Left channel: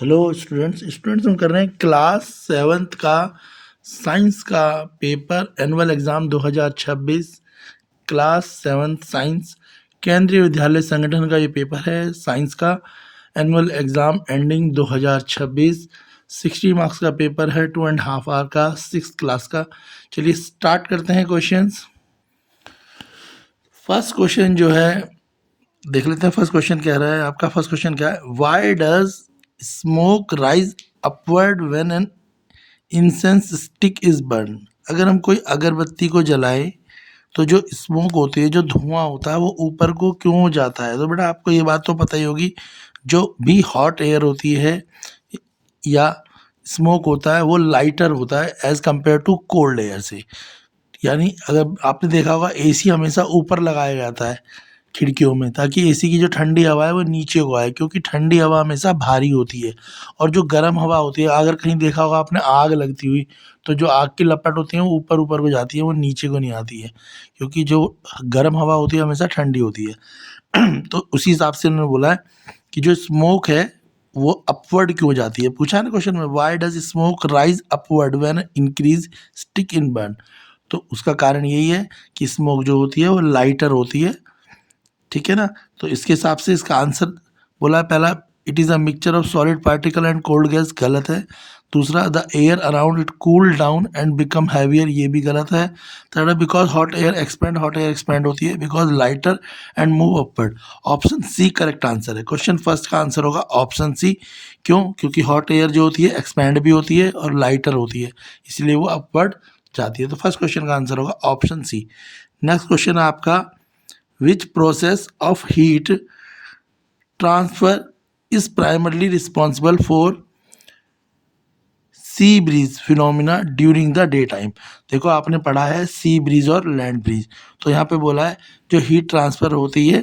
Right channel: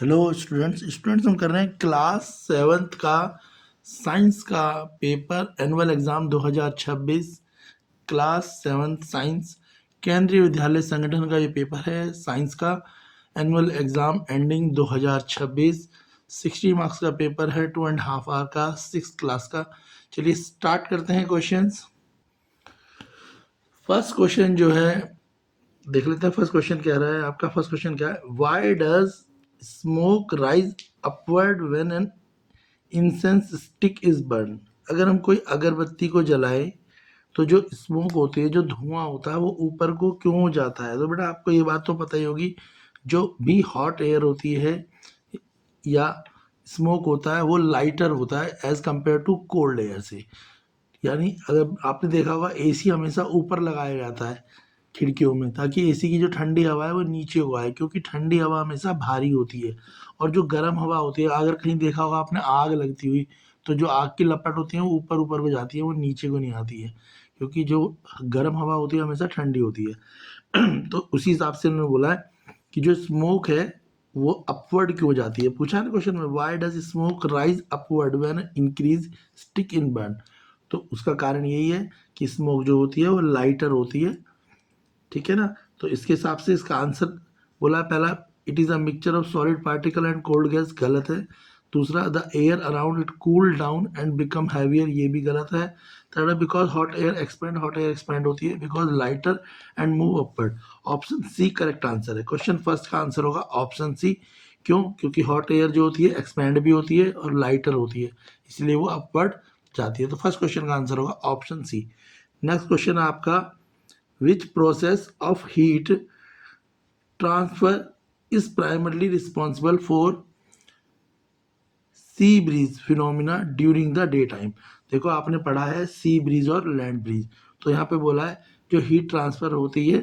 Hello students हम कर रहे हैं क्लास 7th का साइंस का paper annual exam 2026 class 7th science केंद्रीय विद्यालय संगठन का ये पेपर है साइंस का एनुअल एग्ज़ाम एंडिंग 2026 60 मार्क्स का पेपर है 2.5 आवर का 6th क्लास का। चलिए स्टार्ट करते हैं क्वेश्चंस। फर्स्ट क्वेश्चन जो है देख लेते हैं। फर्स्ट क्वेश्चन कह रहा है आपका फर्स्ट क्वेश्चन क्या है, why does smoke rise upward when an incense stick is burn. अगर हम कोई अगरबत्ती को जलाए तो जो स्मोक होती है, जो धुआं होता है, वो ऊपर को क्यों जाता है। तो बेटा आपको ये बात तो पता ही होगी, जो भी हॉट एयर होती है या स्मोक होता है वो लाइटर होता है as compared to cold air से। यानी अगर आपने देखा होगा एसी हमेशा ऊपर लगाया जाता है खिड़कियों में, ताकि एसी की जो ठंडी हवा है वो नीचे को आए, क्योंकि ठंडी हवा हमेशा भारी होती है और जो गर्म हवा होती है, अगर कहीं देखा होगा आपने आग लगती हुई, तो जो आग की लपट होती है वो ऊपर ऊपर को जाती है, वो नीचे को नहीं आती है, क्योंकि जो गर्म हवा होती है हमेशा ठंडी होती है। तो उसी हिसाब से उन्होंने बोला है कि जो स्मोक है वो अपवर्ड क्यों जाती है। पूछा है ना क्वेश्चन में, why does smoke rise upward when increase stick in burn. तो उसका कारण यही है कि स्मोक जो होती है वो लाइटर होती है, ठीक है ना। तो इसके हिसाब से इसका आंसर बोला है पहला, it is a mixture of solid particle and cold gas, गलत है। दूसरा, the air around it cool down and become heavier, ये भी गलत है। Third, because hot air expand होती है because lighter and move upward. Option C correct answer है। क्वेश्चन फर्स्ट का आंसर होगा ऑप्शन सी। क्यों? क्योंकि हॉट एयर जो होती है एक्सपैंड भी होती है और लाइटर होती है, इसलिए वो अपवर्ड जाती है। तो फर्स्ट क्वेश्चन का आंसर होगा ऑप्शन सी। नेक्स्ट क्वेश्चन है आपका, which process of heat transfer is primarily responsible for sea breeze phenomena during the day time. देखो आपने पढ़ा है सी ब्रीज और लैंड ब्रीज, तो यहाँ पे बोला है जो हीट ट्रांसफर होती है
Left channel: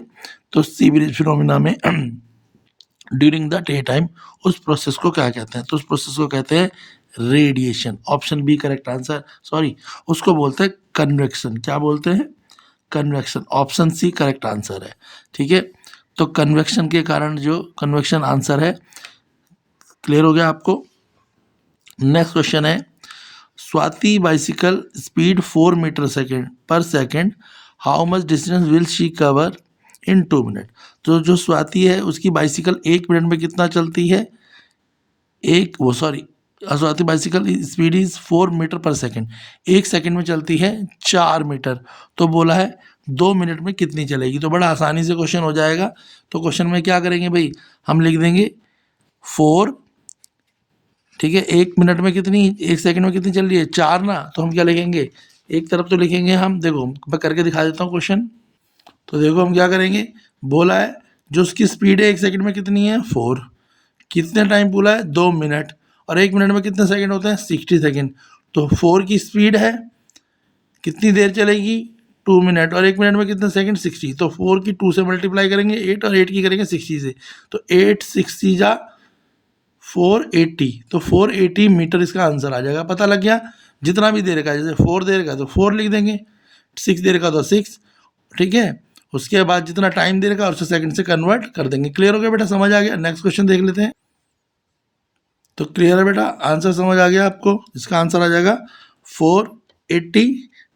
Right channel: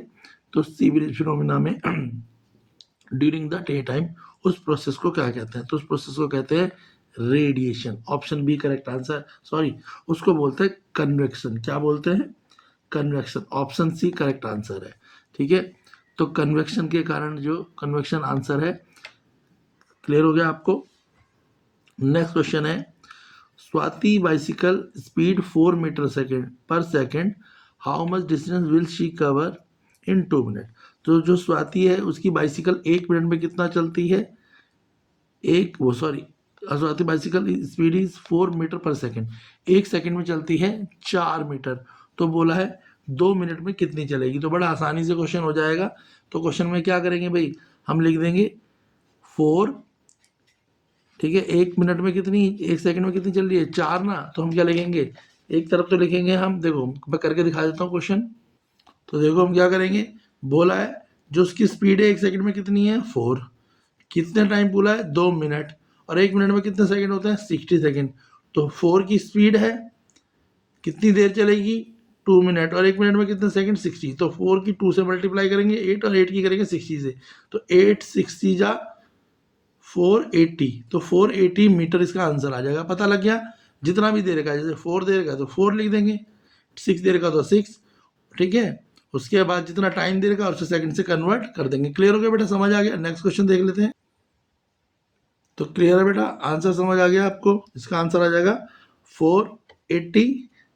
तो सी ब्रीज फिनोमिना में ड्यूरिंग द डे टाइम, उस प्रोसेस को क्या कहते हैं। तो उस प्रोसेस को कहते हैं radiation. Option B correct answer. Sorry, उसको बोलते हैं कन्वेक्शन। क्या बोलते हैं? Convection. Option C correct answer है, ठीक है। तो कन्वेक्शन के कारण जो कन्वेक्शन आंसर है। क्लियर हो गया आपको। नेक्स्ट क्वेश्चन है, Swati bicycle speed 4 metre second per second, how much distance will she cover in 2 minute. तो जो स्वाति है उसकी बाइसिकल 1 मिनट में कितना चलती है, Swati bicycle speed is 4 metre per second, 1 second में चलती है 4 मीटर। तो बोला है 2 मिनट में कितनी चलेगी। तो बड़ा आसानी से क्वेश्चन हो जाएगा। तो क्वेश्चन में क्या करेंगे भाई, हम लिख देंगे 4, ठीक है। 1 मिनट में कितनी, 1 सेकेंड में कितनी चल रही है, 4 ना। तो हम क्या लिखेंगे, एक तरफ तो लिखेंगे हम, देखो मैं करके दिखा देता हूँ क्वेश्चन। तो देखो हम क्या करेंगे, बोला है जो उसकी स्पीड है 1 सेकेंड में कितनी है 4, कितने टाइम बोला है 2 मिनट, और 1 मिनट में कितने सेकंड होते हैं 60 सेकंड। तो 4 की स्पीड है, कितनी देर चलेगी 2 मिनट, और 1 मिनट में कितने सेकंड 60। तो 4 की 2 से मल्टीप्लाई करेंगे 8, और 8 की करेंगे 60 से। तो 8 60 जा 480, तो 480 मीटर इसका आंसर आ जाएगा। पता लग गया। जितना भी देर का, जैसे 4 देर का तो 4 लिख देंगे, 6 देर का तो 6, ठीक है। उसके बाद जितना टाइम देर का और उसे सेकंड से कन्वर्ट कर देंगे। क्लियर हो गया बेटा, समझ आ गया। नेक्स्ट क्वेश्चन देख लेते हैं। तो क्लियर है बेटा, आंसर समझ आ गया आपको। इसका आंसर आ जाएगा 480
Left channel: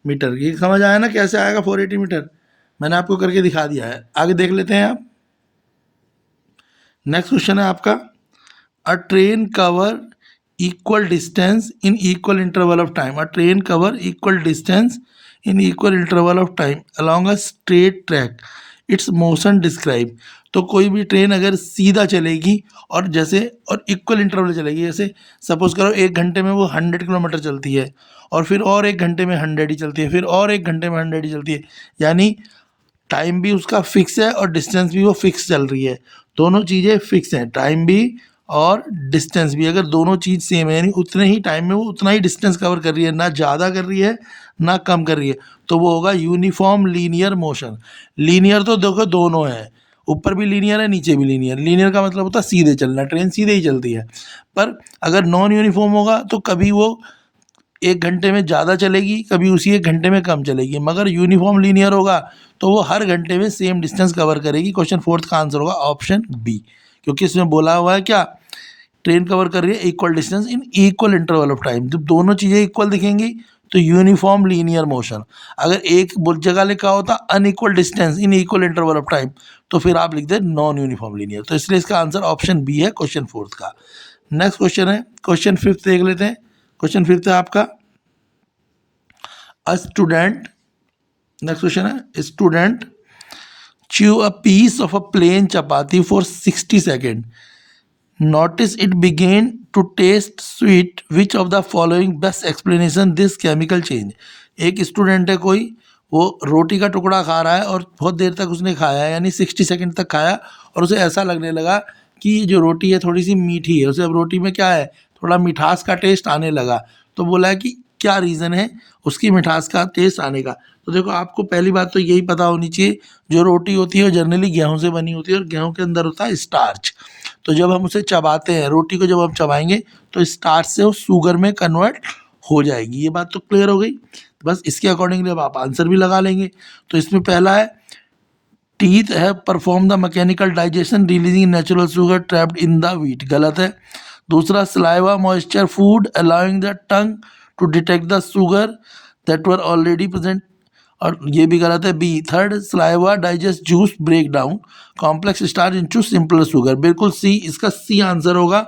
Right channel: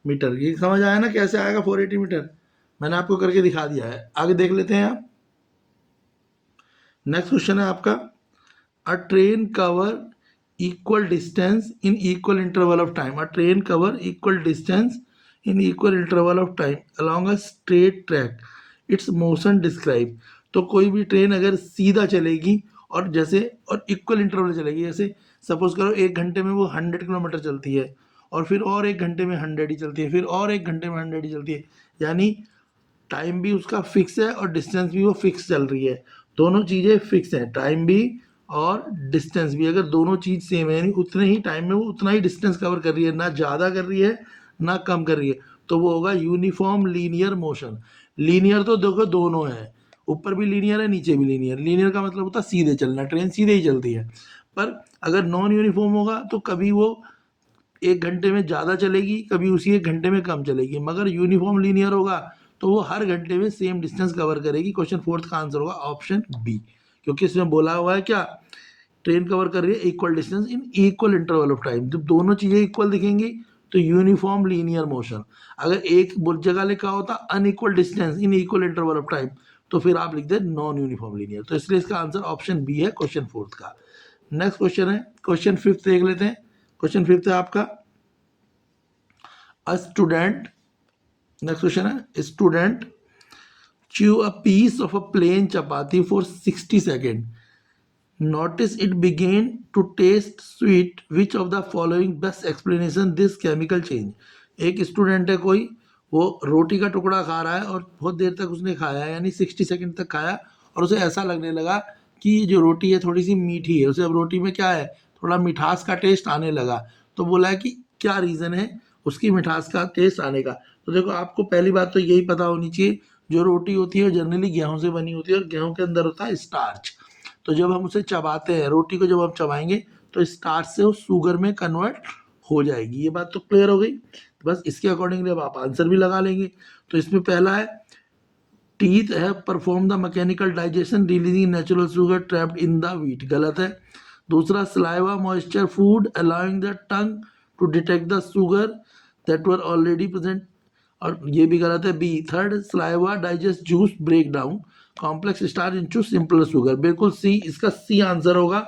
मीटर। ये समझ आया ना कैसे आएगा 480 मीटर, मैंने आपको करके दिखा दिया है। आगे देख लेते हैं आप। नेक्स्ट क्वेश्चन है आपका, अ train cover equal distance in equal interval of time. A train cover equal distance in equal interval of time along a straight track, it's motion describe. तो कोई भी ट्रेन अगर सीधा चलेगी और इक्वल इंटरवल चलेगी, जैसे सपोज करो 1 घंटे में वो 100 किलोमीटर चलती है, और फिर और 1 घंटे में 100 ही चलती है, फिर और 1 घंटे में 100 ही चलती है, यानी टाइम भी उसका फिक्स है और डिस्टेंस भी वो फिक्स चल रही है। दोनों चीज़ें फिक्स हैं, टाइम भी और डिस्टेंस भी। अगर दोनों चीज़ सेम है, यानी उतने ही टाइम में वो उतना ही डिस्टेंस कवर कर रही है, ना ज़्यादा कर रही है ना कम कर रही है, तो वो होगा यूनिफॉर्म लीनियर मोशन। लीनियर तो देखो दोनों है, ऊपर भी लीनियर है नीचे भी लीनियर। लीनियर का मतलब होता है सीधे चलना, ट्रेन सीधे ही चलती है। पर अगर नॉन यूनिफॉर्म होगा तो कभी वो 1 घंटे में ज़्यादा चलेगी, कभी उसी 1 घंटे में कम चलेगी। मगर यूनिफॉर्म लीनियर होगा तो वो हर घंटे में सेम डिस्टेंस कवर करेगी। क्वेश्चन फोर्थ का आंसर होगा ऑप्शन बी, क्योंकि इसमें बोला हुआ है क्या, ट्रेन कवर कर रही है equal distance in equal interval of time. जब दोनों चीज़ें इक्वल दिखेंगी तो यूनिफॉर्म लीनियर मोशन। अगर एक जगह लिखा होता unequal distance in equal interval of time तो फिर आप लिख दें नॉन यूनिफॉर्म लीनियर। तो इसलिए इसका आंसर ऑप्शन बी है क्वेश्चन 4 का। नेक्स्ट क्वेश्चन है क्वेश्चन 5 देख लेते हैं। क्वेश्चन 5 है आपका अ स्टूडेंट, नेक्स्ट क्वेश्चन है student chew a piece of a plain chapati for 60 seconds. Notice it began to taste sweet. Which of the following best explanation this chemical change? एक student है कोई, वो रोटी का टुकड़ा खा रहा है और बहुत देर तक उसने खाया है, यानी 60 सेकंड तक खाया और उसे ऐसा लगने लगा कि ये जो रोटी है थोड़ी सी मीठी है। उसे अब रोटी में क्या है, थोड़ा मिठास का टेस्ट आने लगा। तो बोला है कि क्या रीज़न है उसकी मिठास का टेस्ट आने का। तो देखो आपको पहली बात तो यही पता होनी चाहिए, जो रोटी होती है वो जनरली गेहूं से बनी होती है और गेहूं के अंदर होता है स्टार्च। तो जब हम उसे चबाते हैं, रोटी को जब हम चबाएंगे तो स्टार्च से वो शुगर में कन्वर्ट हो जाएगी। ये बात तो क्लियर हो गई। बस इसके अकॉर्डिंगली अब आप आंसर भी लगा लेंगे। तो इसमें पहला है टीथ है perform the mechanical digestion releasing natural sugar trapped in the wheat, गलत है। दूसरा saliva moisture food allowing the tongue to detect the sugar that were already present, और ये भी गलत है। B third saliva digest juice break down complex starch into simple sugar, बिल्कुल C, इसका सी आंसर होगा।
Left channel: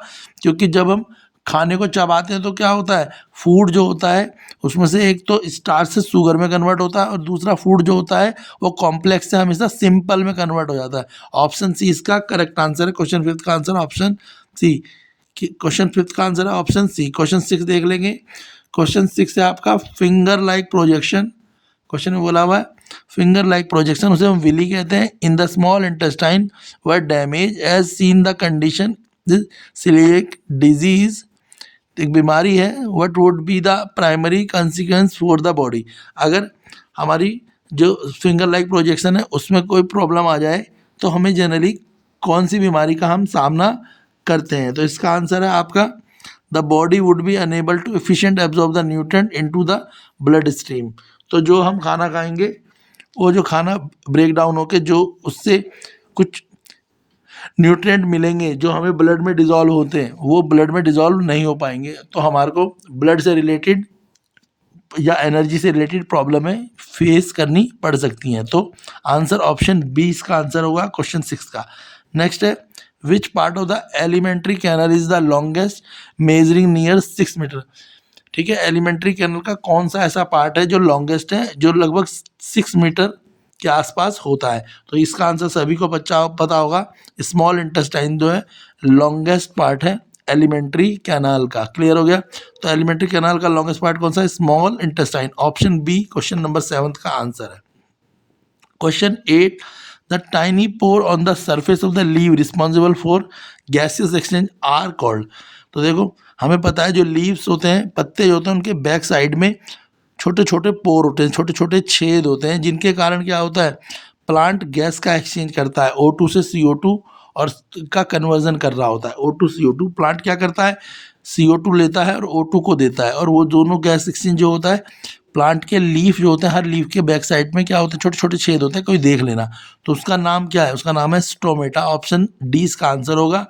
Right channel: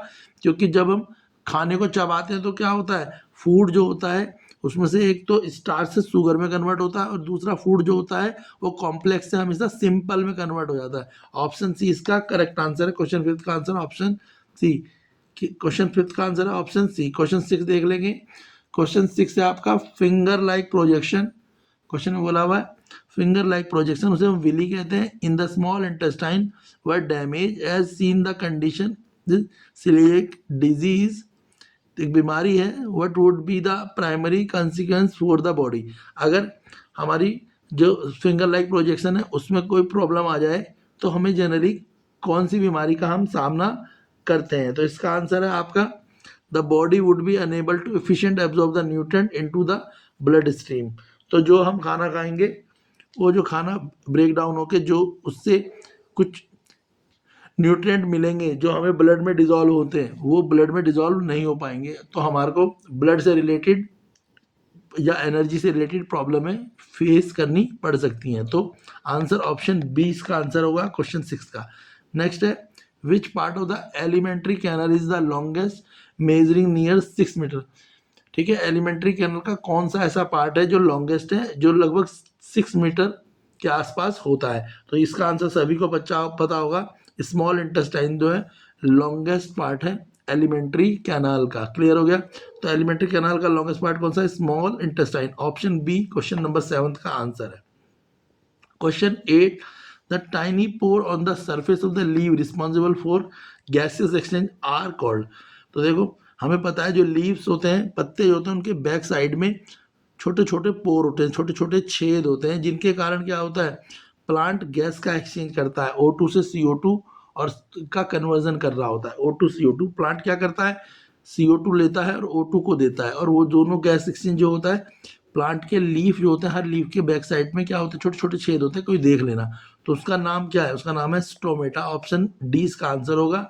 क्योंकि जब हम खाने को चबाते हैं तो क्या होता है, फूड जो होता है उसमें से एक तो स्टार्च से शुगर में कन्वर्ट होता है और दूसरा फूड जो होता है वो कॉम्प्लेक्स से हमेशा सिंपल में कन्वर्ट हो जाता है। ऑप्शन सी इसका करेक्ट आंसर है। क्वेश्चन 5 का आंसर ऑप्शन सी। क्वेश्चन 5 का आंसर है ऑप्शन सी। क्वेश्चन 6 देख लेंगे। क्वेश्चन 6 है आपका फिंगर लाइक प्रोजेक्शन। क्वेश्चन में बोला हुआ है फिंगर लाइक प्रोजेक्शन, उसे हम विली कहते हैं। In the small intestine were damage as seen the condition celiac disease, एक बीमारी है। What would be the primary consequence for the body, अगर हमारी जो फिंगर लाइक प्रोजेक्शन है उसमें कोई प्रॉब्लम आ जाए तो हमें जनरली कौन सी बीमारी का हम सामना करते हैं। तो इसका आंसर है आपका the body would be unable to efficient absorb the nutrient into the blood stream. तो जो हम खाना खाएंगे वो जो खाना ब्रेक डाउन होकर जो उससे कुछ न्यूट्रिएंट मिलेंगे जो हमें ब्लड में डिजॉल्व होते हैं वो ब्लड में डिजॉल्व नहीं हो पाएंगे, तो हमारे को ब्लड से रिलेटेड या एनर्जी से रिलेटेड प्रॉब्लमें फेस करनी पड़ सकती हैं। तो आंसर ऑप्शन बी इसका आंसर होगा क्वेश्चन 6 का। नेक्स्ट है which part of the alimentary canal is the longest measuring near 6 metre. ठीक है, एलिमेंट्री कैनल का कौन सा ऐसा पार्ट है जो लॉन्गेस्ट है, जो लगभग 6 मीटर के आसपास होता है। तो इसका आंसर सभी को पता होगा, स्मॉल इंटेस्टाइन जो है लॉन्गेस्ट पार्ट है एलिमेंट्री कैनाल का। क्लियर हो गया। तो एलिमेंट्री कैनाल का लॉन्गेस्ट पार्ट कौन सा है, small intestine. Option B question number 7 का आंसर है। Question 8 the tiny pore on the surface of the leave responsible for gases exchange are called. तो देखो हमें पता है जो लीव्स होते हैं, पत्ते जो होते हैं, उनके बैक साइड में छोटे छोटे पोर होते हैं, छोटे छोटे छेद होते हैं, जिनके कारण क्या होता है, प्लांट गैस का एक्सचेंज करता है। O2 से CO2 और का कन्वर्जन कर रहा होता है। O2 CO2 प्लांट क्या करता है, CO2 लेता है और O2 को देता है, और वो दोनों गैस एक्सचेंज जो होता है प्लांट के लीफ जो होते हैं, हर लीफ के बैक साइड में क्या होते हैं, छोटे छोटे छेद होते हैं, कोई देख लेना। तो उसका नाम क्या है, उसका नाम है स्टोमेटा। ऑप्शन डी इसका आंसर होगा।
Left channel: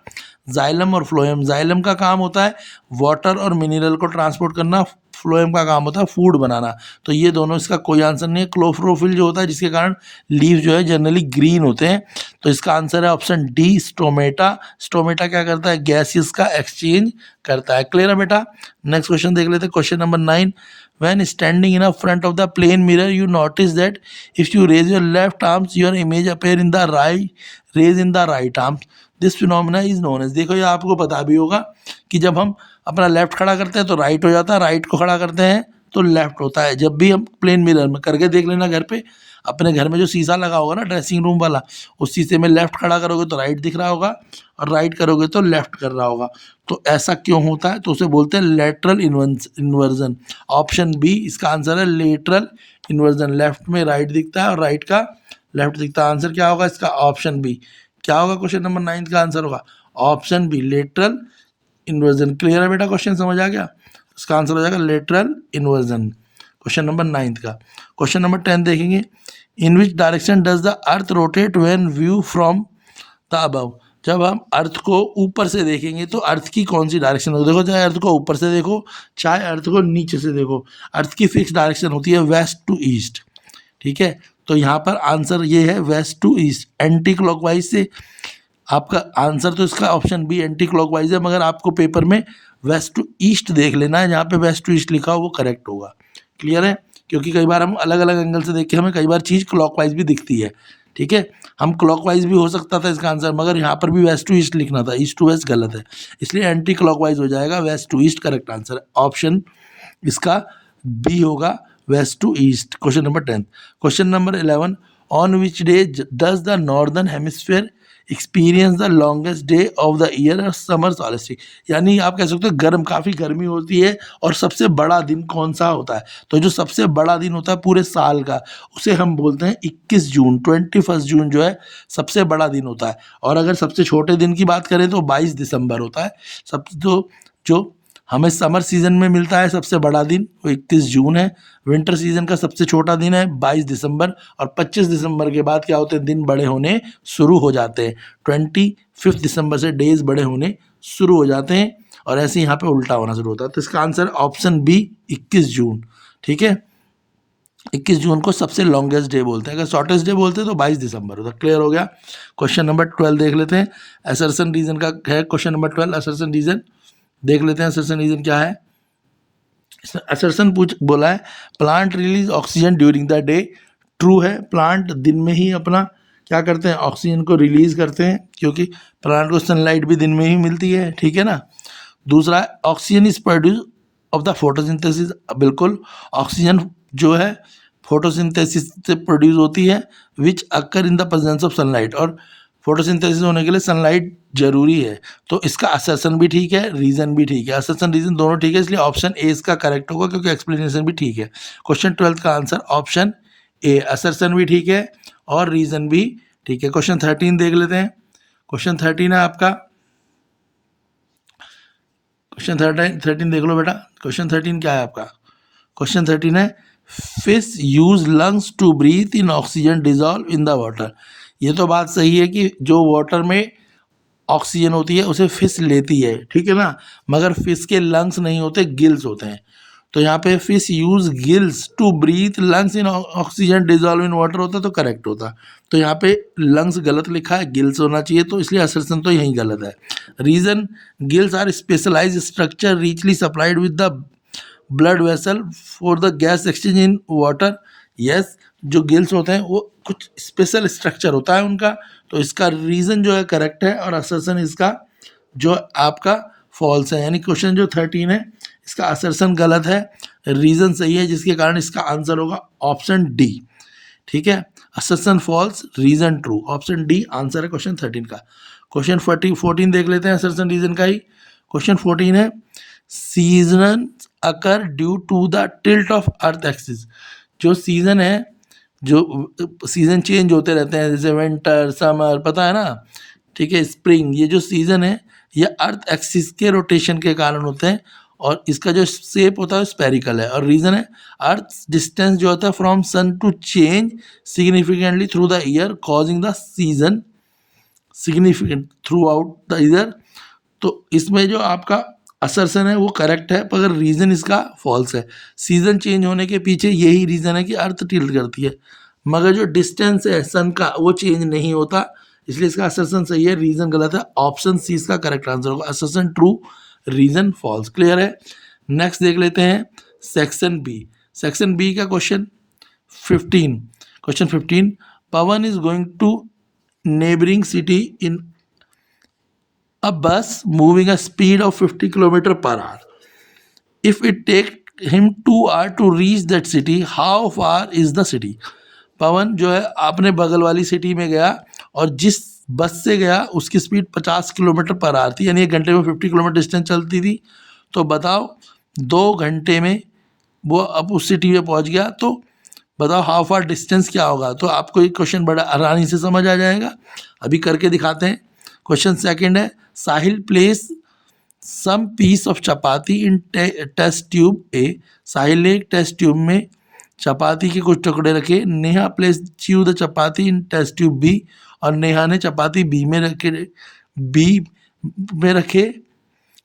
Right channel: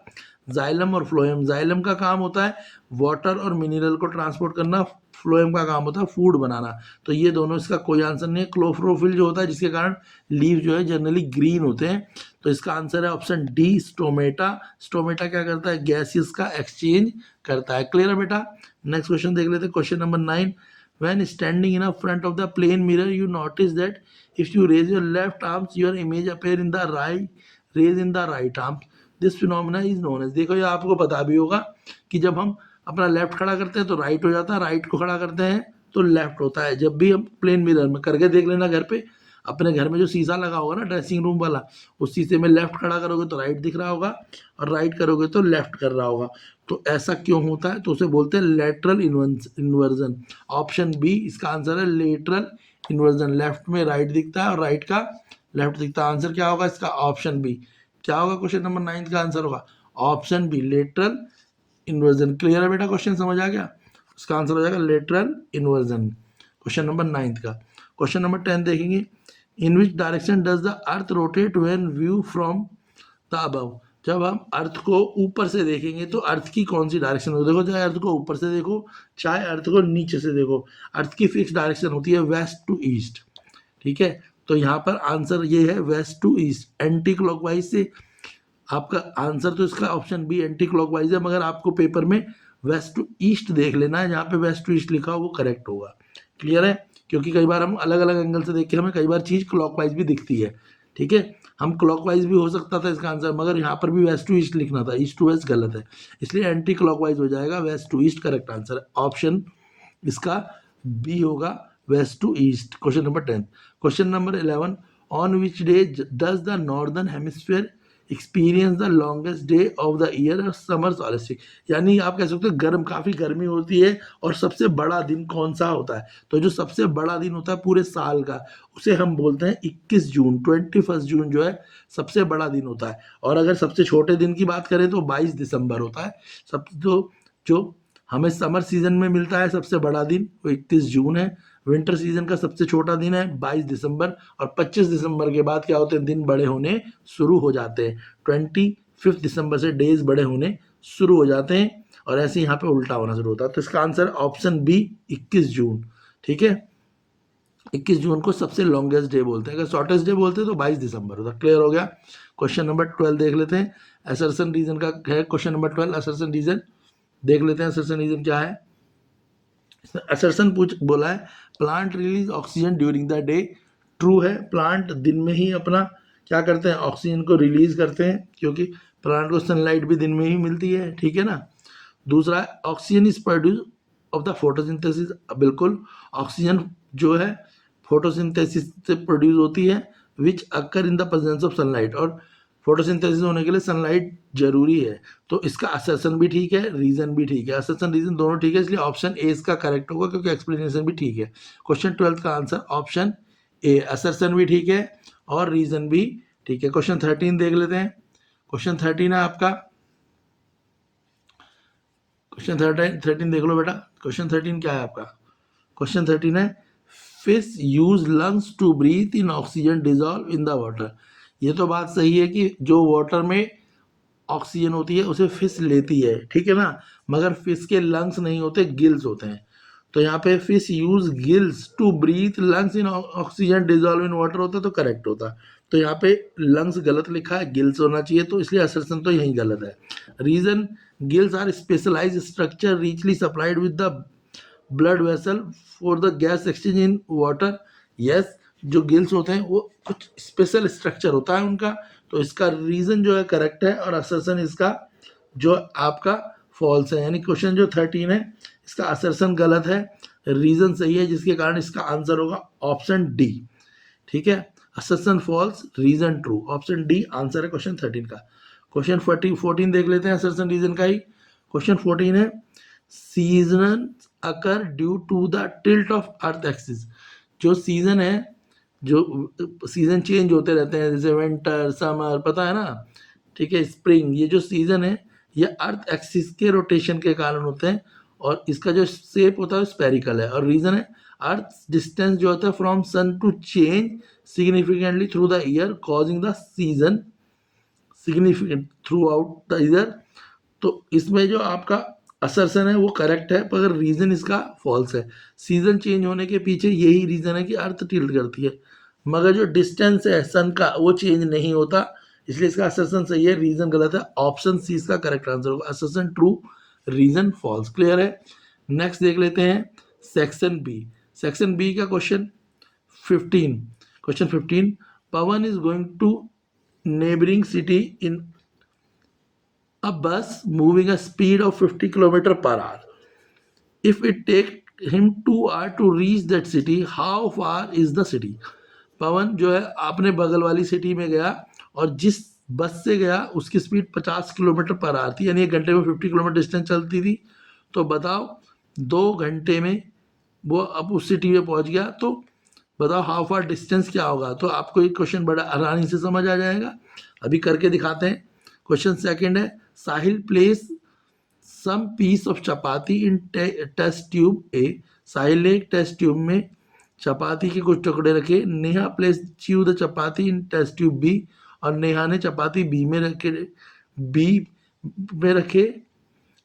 जाइलम और फ्लोएम, जाइलम का काम होता है वाटर और मिनरल को ट्रांसपोर्ट करना, फ्लोएम का काम होता है फूड बनाना। तो ये दोनों, इसका कोई आंसर नहीं है। क्लोरोफिल जो होता है जिसके कारण लीव जो है जनरली ग्रीन होते हैं, तो इसका आंसर है ऑप्शन डी स्टोमेटा। स्टोमेटा क्या करता है, गैसेस का एक्सचेंज करता है। क्लियर है बेटा। नेक्स्ट क्वेश्चन देख लेते हैं। Question number 9 when standing in a front of the plane mirror you notice that if you raise your left arms your image appear in the right arms, this phenomena is known as। देखो ये आपको पता भी होगा कि जब हम अपना लेफ्ट खड़ा करते हैं तो राइट हो जाता है, राइट को खड़ा करते हैं तो लेफ्ट होता है। जब भी हम प्लेन मिरर में करके देख लेना, घर पे अपने घर में जो शीशा लगा होगा ना ड्रेसिंग रूम वाला, उस शीशे में लेफ्ट खड़ा करोगे तो राइट दिख रहा होगा और राइट करोगे तो लेफ्ट कर रहा होगा। तो ऐसा क्यों होता है, तो उसे बोलते हैं लेटरल इन्वर्जन। ऑप्शन बी इसका आंसर है लेटरल इन्वर्जन। लेफ्ट में राइट दिखता है और राइट का लेफ्ट दिखता है। आंसर क्या होगा इसका, ऑप्शन बी। क्या होगा क्वेश्चन नंबर 9 का आंसर होगा option B lateral inversion. Clear है बेटा, क्वेश्चन समझ आ गया। इसका आंसर हो जाएगा लेटरल इन्वर्जन, क्वेश्चन नंबर 9 का। क्वेश्चन नंबर 10 देखेंगे। In which direction does the earth rotate when view from the above. जब हम अर्थ को ऊपर से देखेंगे तो अर्थ की कौन सी डायरेक्शन होती है? देखो, चाहे अर्थ को ऊपर से देखो चाहे अर्थ को नीचे से देखो, अर्थ की फिक्स डायरेक्शन होती है वेस्ट टू ईस्ट। ठीक है, तो यहाँ पर आंसर ये है west to east, anti clockwise से। आपका आंसर तो इसका ऑप्शन बी एंटी क्लॉकवाइज है, मगर आपको पेपर में वेस्ट टू ईस्ट देख लेना है, जहाँ पे वेस्ट टू ईस्ट लिखा हो वो करेक्ट होगा। क्लियर है? क्योंकि कई बार हम अलग अलग एंगल से देख के हमें कई बार चीज़ क्लॉकवाइज भी दिखती है। ठीक है, हम क्लॉकवाइज भी हो सकता था इसका आंसर, मगर यहाँ पर भी वेस्ट टू ईस्ट लिखना था, ईस्ट टू वेस्ट गलत है, इसलिए एंटी क्लॉकवाइज हो जाएगा, west to east correct answer. Option इसका बी होगा, west to east. Question number 10। Question number 11, on which day does the northern hemisphere experience the longest day of the year और summer solstice, यानी आप कह सकते हो गर्म, काफ़ी गर्मी होती है और सबसे बड़ा दिन कौन सा होता है? तो जो सबसे बड़ा दिन होता है पूरे साल का, उसे हम बोलते हैं 21 जून, 21 जून जो है सबसे बड़ा दिन होता है। और अगर सबसे छोटे दिन की बात करें तो 22 दिसंबर होता है। सब जो हमें समर सीजन में मिलता है सबसे बड़ा दिन वो 31 जून है। विंटर सीजन का सबसे छोटा दिन है 22 दिसंबर, और 25 दिसंबर के बाद क्या होते हैं, दिन बड़े होने शुरू हो जाते हैं। 25 दिसंबर से डेज बड़े होने शुरू हो जाते हैं, और ऐसे यहाँ पे उल्टा होना शुरू होता है। तो इसका आंसर ऑप्शन बी 21 जून। ठीक है, 21 जून को सबसे लॉन्गेस्ट डे बोलते हैं, अगर शॉर्टेस्ट डे बोलते हैं तो 22 दिसंबर होता है। क्लियर हो गया? क्वेश्चन नंबर 12 देख लेते हैं, असर्शन रीजन का है क्वेश्चन नंबर 12। असर्शन रीजन देख लेते हैं, असर्शन रीजन क्या है। असर्शन बोला है plant release oxygen during the day. True है, प्लांट दिन में ही अपना क्या करते हैं, ऑक्सीजन को रिलीज करते हैं, क्योंकि प्लांट को सनलाइट भी दिन में ही मिलती है। ठीक है ना। दूसरा, oxygen is produce of the photosynthesis. बिल्कुल, ऑक्सीजन जो है फोटोसिंथेसिस से प्रोड्यूस होती है, which occur in the presence of sunlight, और फोटोसिंथेसिस होने के लिए सनलाइट जरूरी है। तो इसका असर्शन भी ठीक है, रीजन भी ठीक है, असर्शन रीजन दोनों ठीक है, इसलिए ऑप्शन ए इसका करेक्ट होगा, क्योंकि एक्सप्लेनेशन भी ठीक है। क्वेश्चन 12 का आंसर ऑप्शन ए, असर्शन भी ठीक है और रीजन भी ठीक है। क्वेश्चन 13 देख लेते हैं। क्वेश्चन 13 है आपका, क्वेश्चन 13 देख लो बेटा। क्वेश्चन 13 क्या है आपका? क्वेश्चन 13 है fish use lungs to breathe in oxygen dissolve in the water. ये तो बात सही है कि जो वाटर में ऑक्सीजन होती है उसे फिश लेती है, ठीक है ना, मगर फिश के लंग्स नहीं होते, गिल्स होते हैं। तो यहाँ पे fish use gills to breathe lungs in oxygen dissolve in water होता तो करेक्ट होता। तो यहाँ पे लंग्स गलत लिखा है, गिल्स होना चाहिए, तो इसलिए असर्शन तो यही गलत है। Reason, gills are specialise structure richly supplied with the blood vessel for the gas exchange in water. Yes, जो गिल्स होते हैं वो कुछ स्पेशल स्ट्रक्चर होता है उनका, तो इसका रीजन जो है करेक्ट है, और असर्शन इसका जो आपका फॉल्स है। यानी क्वेश्चन जो 13 है इसका असर्शन गलत है, रीजन सही है, जिसके कारण इसका आंसर होगा ऑप्शन डी। ठीक है, assertion false, reason true, option D answer है क्वेश्चन 13 का। क्वेश्चन 14 देख लेते हैं असर्शन रीजन का ही। क्वेश्चन 14 है season occur due to the tilt of earth axis. जो सीजन है, जो सीजन चेंज होते रहते हैं, जैसे विंटर, समर, पता है ना, ठीक है, स्प्रिंग, ये जो सीजन है ये अर्थ एक्सिस के रोटेशन के कारण होते हैं, और इसका जो शेप होता है स्पेरिकल है। और रीजन है अर्थ डिस्टेंस जो होता है from sun to change significantly through the year causing the season significant throughout the year. तो इसमें जो आपका असर्शन है वो करेक्ट है, मगर रीज़न इसका फॉल्स है। सीज़न चेंज होने के पीछे यही रीज़न है कि अर्थ टिल्ट करती है, मगर जो डिस्टेंस है सन का वो चेंज नहीं होता, इसलिए इसका असर्शन सही है, रीज़न गलत है। ऑप्शन सी इसका करेक्ट आंसर होगा, assertion true, reason false. Clear है? नेक्स्ट देख लेते हैं सेक्शन बी। सेक्शन बी का question 15। Question 15, Pawan is going to neighbouring city in a bus moving a speed of 50 km per hour. If it take him 2 hours to reach that city, how far is the city? पवन जो है आपने बगल वाली city में गया, और जिस बस से गया उसकी स्पीड 50 किलोमीटर पर आवर थी, यानी 1 घंटे में 50 किलोमीटर डिस्टेंस चलती थी। तो बताओ 2 घंटे में वो अब उस सिटी में पहुंच गया, तो बताओ हाउ फार डिस्टेंस क्या होगा। तो आपको ये क्वेश्चन बड़ा आसानी से समझ आ जाएगा, अभी करके दिखाते हैं। क्वेश्चन सेकंड है Sahil place some piece of chapati in test tube A. Sahil ने एक टेस्ट ट्यूब में चपाती के कुछ टुकड़े रखे। Neha place chew the chapati in test tube B, और नेहा ने चपाती बी में रखे, बी में रखे,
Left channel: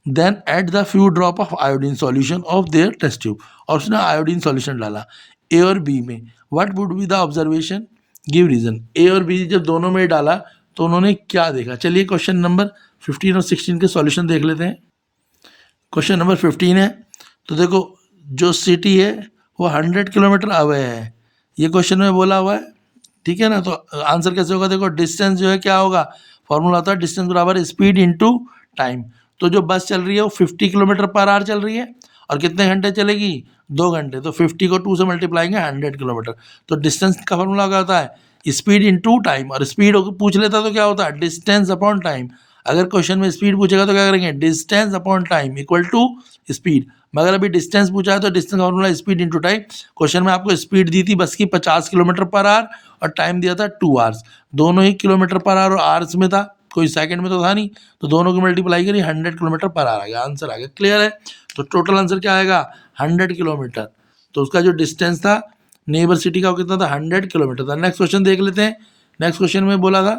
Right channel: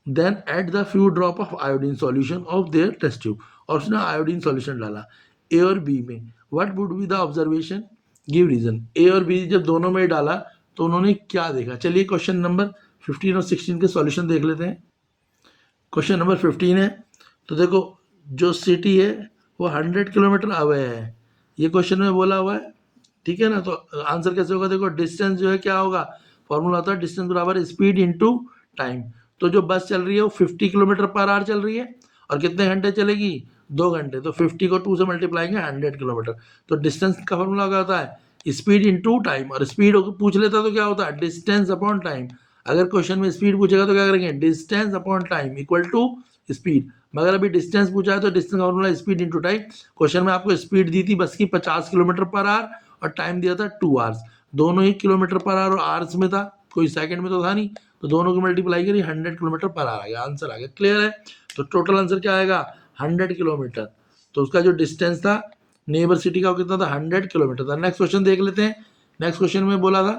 then at the few drop of iodine solution of their test tube, और उसने आयोडीन सॉल्यूशन डाला ए और बी में। What would be the observation, give reason. A और बी जब दोनों में डाला तो उन्होंने क्या देखा। चलिए क्वेश्चन नंबर 15 और 16 के सॉल्यूशन देख लेते हैं। क्वेश्चन नंबर 15 है, तो देखो जो सिटी है वो 100 किलोमीटर अवे है, ये क्वेश्चन में बोला हुआ है, ठीक है ना। तो आंसर कैसे होगा, देखो डिस्टेंस जो है क्या होगा, फॉर्मूला होता है डिस्टेंस बराबर स्पीड इनटू टाइम। तो जो बस चल रही है वो 50 किलोमीटर पर आवर चल रही है, और कितने घंटे चलेगी, 2 घंटे। तो 50 को 2 से मल्टीप्लाएंगे 100 किलोमीटर। तो डिस्टेंस का फॉर्मूला क्या होता है, स्पीड इनटू टाइम, और स्पीड पूछ लेता तो क्या होता है, डिस्टेंस अपॉन टाइम। अगर क्वेश्चन में स्पीड पूछेगा तो क्या करेंगे, distance upon time equal to speed. मगर अभी डिस्टेंस पूछा है तो distance formula speed into time. Question में आपको स्पीड दी थी बस की 50 किलोमीटर पर आवर, और टाइम दिया था 2 आवर्स। दोनों ही किलोमीटर पर आवर और आवर्स में था, कोई सेकंड में तो था नहीं। तो दोनों को मल्टीप्लाई करी 100 किलोमीटर पर आवर आ गया, आंसर आ गया। क्लियर है। तो टोटल आंसर क्या आएगा, 100 किलोमीटर। तो उसका जो डिस्टेंस था नेबर सिटी का वो कितना था, 100 किलोमीटर था। नेक्स्ट क्वेश्चन देख लेते हैं। नेक्स्ट क्वेश्चन में बोला था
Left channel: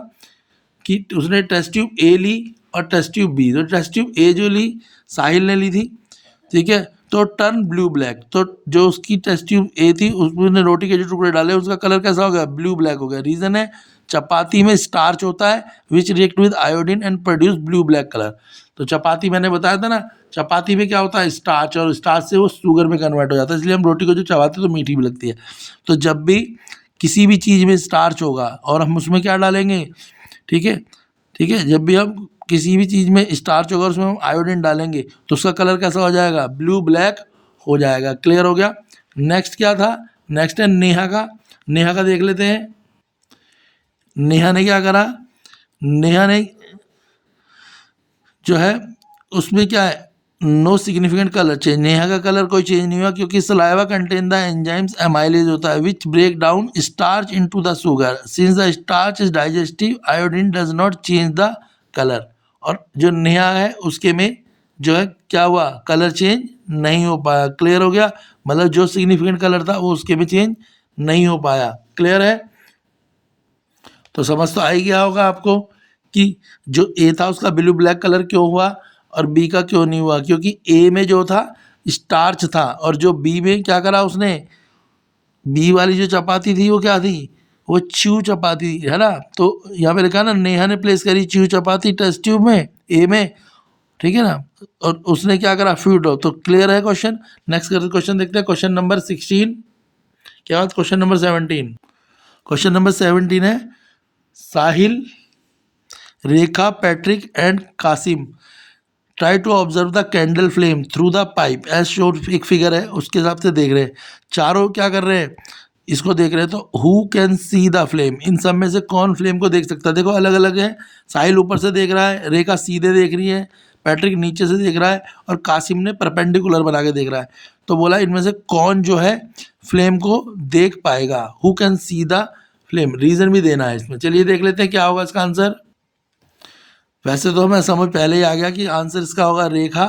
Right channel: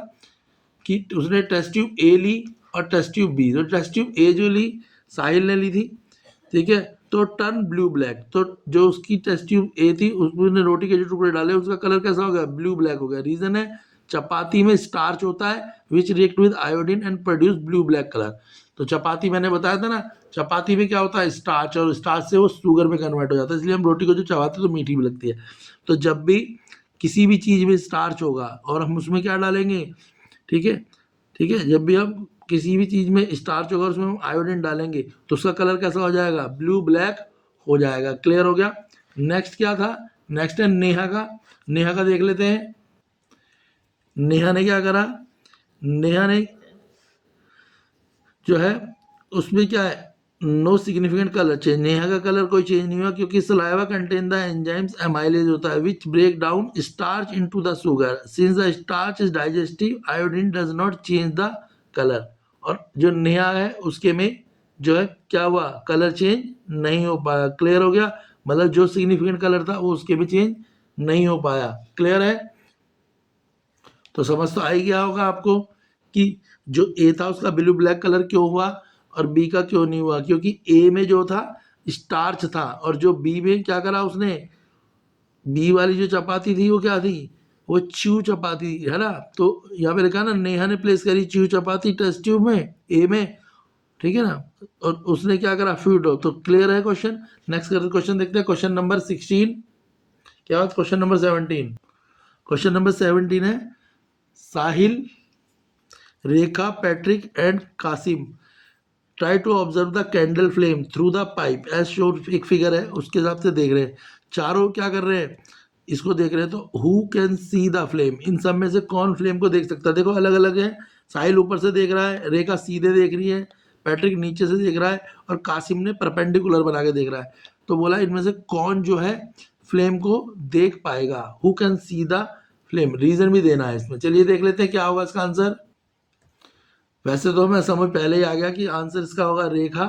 कि उसने टेस्ट ट्यूब ए ली और टेस्ट ट्यूब बी। तो टेस्ट ट्यूब ए जो ली साहिल ने ली थी, ठीक है। तो टर्न ब्लू ब्लैक, तो जो उसकी टेस्ट ट्यूब ए थी उसने रोटी के जो टुकड़े डाले उसका कलर कैसा हो गया, ब्लू ब्लैक हो गया। रीजन है चपाती में स्टार्च होता है विच react with iodine and produce blue black colour. तो चपाती मैंने बताया था ना, चपाती में क्या होता है स्टार्च, और स्टार्च से वो शुगर में कन्वर्ट हो जाता है, इसलिए हम रोटी को जो चबाते हैं तो मीठी भी लगती है। तो जब भी किसी भी चीज़ में स्टार्च होगा और हम उसमें क्या डालेंगे, ठीक है, ठीक है, जब भी हम किसी भी चीज़ में स्टार्च होगा उसमें हम आयोडीन डालेंगे तो उसका कलर कैसा हो जाएगा, ब्लू ब्लैक हो जाएगा। क्लियर हो गया। नेक्स्ट क्या था, नेक्स्ट है नेहा का। नेहा का देख लेते हैं। नेहा ने क्या करा, नेहा ने जो है उसमें क्या है, no significant colour change. Neha का कलर कोई चेंज नहीं हुआ क्योंकि saliva contain the enzymes amylase होता है which break down starch into the sugar, since the starch is digestive iodine does not change the colour. और जो नेहा है उसके में जो है क्या हुआ, कलर चेंज नहीं हो पाया। क्लियर हो गया। मतलब जो सिग्निफिकेंट कलर था वो उसके में चेंज नहीं हो पाया। क्लियर है। तो समझ तो आ ही गया होगा आपको कि जो ए था उसका ब्लू ब्लैक कलर क्यों हुआ और बी का क्यों नहीं हुआ, क्योंकि ए में जो था स्टार्च था, और जो बी में क्या करा उसने, बी वाली जो चपाती थी वो क्या थी, वो च्यू चपाती है ना। तो यहाँ पे लिखा ना नेहा ने प्लेस करी च्यू चपाती टेस्ट ट्यूब में ए में, ठीक है ना, और उसने क्या करा फ्यूड। तो क्लियर है क्वेश्चन। नेक्स्ट क्वेश्चन देखते हैं, क्वेश्चन नंबर 16 के बाद क्वेश्चन नंबर 17। क्वेश्चन नंबर 17 है, Sahil, Rekha, Patrick and Qasim try to observe the candle flame through the pipe as showed. एक फिगर है उसके हिसाब से देख रहे हैं, चारों क्या कर रहे हैं, इसको देख रहे हैं। तो who can see the flame, इन सब में से कौन फ्लेम को देख सकता है। देखो अलग अलग है, साहिल ऊपर से देख रहा है, रेखा सीधे देख रही है, पैट्रिक नीचे से देख रहा है, और कासिम ने परपेंडिकुलर बना के देख रहा है। तो बोला इनमें से कौन जो है फ्लेम को देख पाएगा, who can see the flame. Reason भी देना है इसमें। चलिए देख लेते हैं क्या होगा इसका आंसर। वैसे तो हमें समझ पहले ही आ गया कि आंसर इसका होगा रेखा।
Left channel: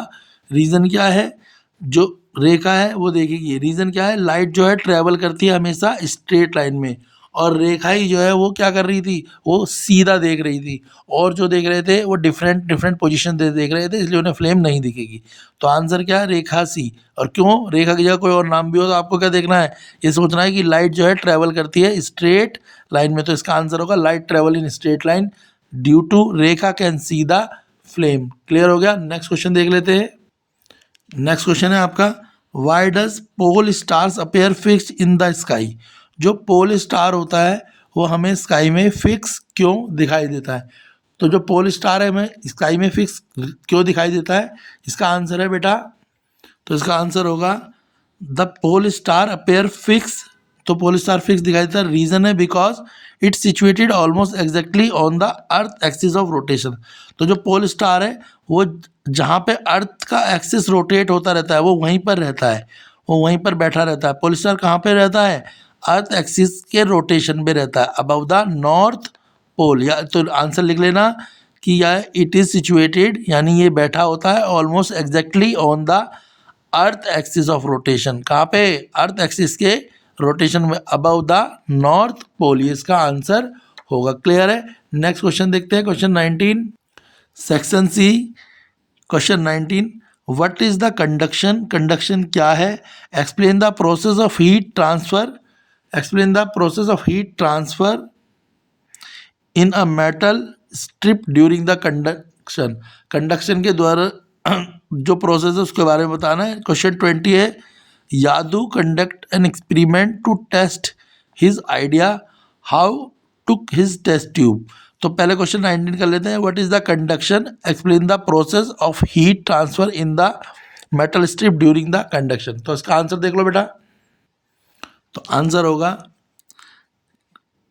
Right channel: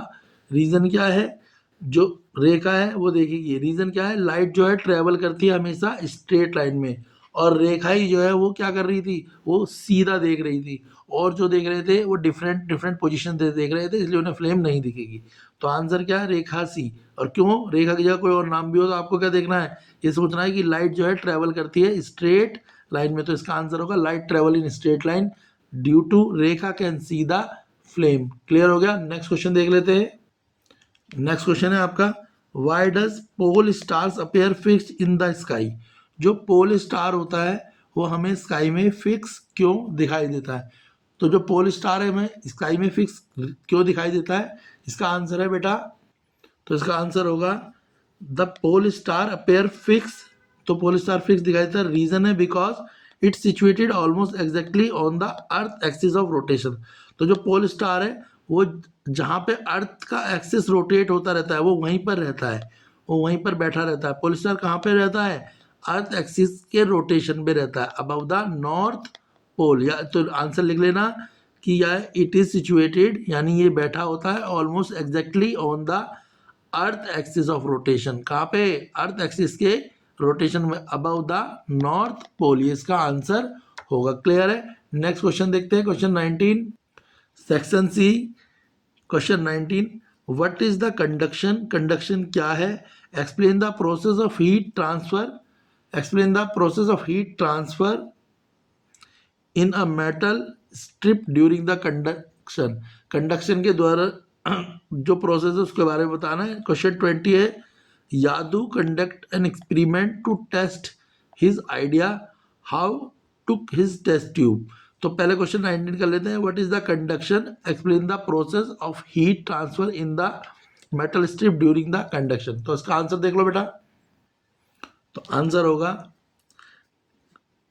रीज़न क्या है, जो रेखा है वो देखेगी। रीज़न क्या है, लाइट जो है ट्रैवल करती है हमेशा स्ट्रेट लाइन में, और रेखा ही जो है वो क्या कर रही थी, वो सीधा देख रही थी, और जो देख रहे थे वो डिफरेंट डिफरेंट पोजीशन देख रहे थे, इसलिए उन्हें फ्लेम नहीं दिखेगी। तो आंसर क्या है, रेखा सी। और क्यों, रेखा की जगह कोई और नाम भी हो तो आपको क्या देखना है, ये सोचना है कि लाइट जो है ट्रैवल करती है स्ट्रेट लाइन में। तो इसका आंसर होगा light travel in straight line due to Rekha can see the flame. Clear हो गया। नेक्स्ट क्वेश्चन देख लेते हैं। नेक्स्ट क्वेश्चन है आपका, why does pole stars appear fix in the sky. जो पोल स्टार होता है वो हमें स्काई में फिक्स क्यों दिखाई देता है। तो जो पोल स्टार है हमें स्काई में फिक्स क्यों दिखाई देता है, इसका आंसर है बेटा, तो इसका आंसर होगा the pole star appear fix. तो पोल स्टार फिक्स दिखाई देता है, रीजन है because it's situated almost exactly on the earth axis of rotation. तो जो पोल स्टार है वो जहाँ पे अर्थ का एक्सिस रोटेट होता रहता है वो वहीं पर रहता है, वो वहीं पर बैठा रहता है। पोल स्टार कहाँ पे रहता है, अर्थ एक्सिस के रोटेशन में रहता है, अबव द नॉर्थ पोल। या तो आंसर लिख लेना कि या इट इज़ सिचुएटेड, यानी ये बैठा होता है almost exactly on the earth axis of rotation. कहाँ पे, अर्थ एक्सिस के रोटेशन में, अबव द नॉर्थ पोल। ये इसका आंसर होगा। क्लियर है। नेक्स्ट क्वेश्चन देखते हैं, question 19। Section C question 19, what is the conduction, conduction क्या है, explain the process of heat transfer, explain the process of heat transfer in a metal strip during the conduction, conduction के द्वारा जो process है उसके बारे में बताना है। क्वेश्चन 20 है, Yadu conduct an experiment to test his idea, how took his test tube. तो पहले क्वेश्चन 19 कर लेते हैं, what is the conduction, explain the process of heat transfer in the metal strip during the conduction. तो इसका answer देख लो बेटा, तो आंसर होगा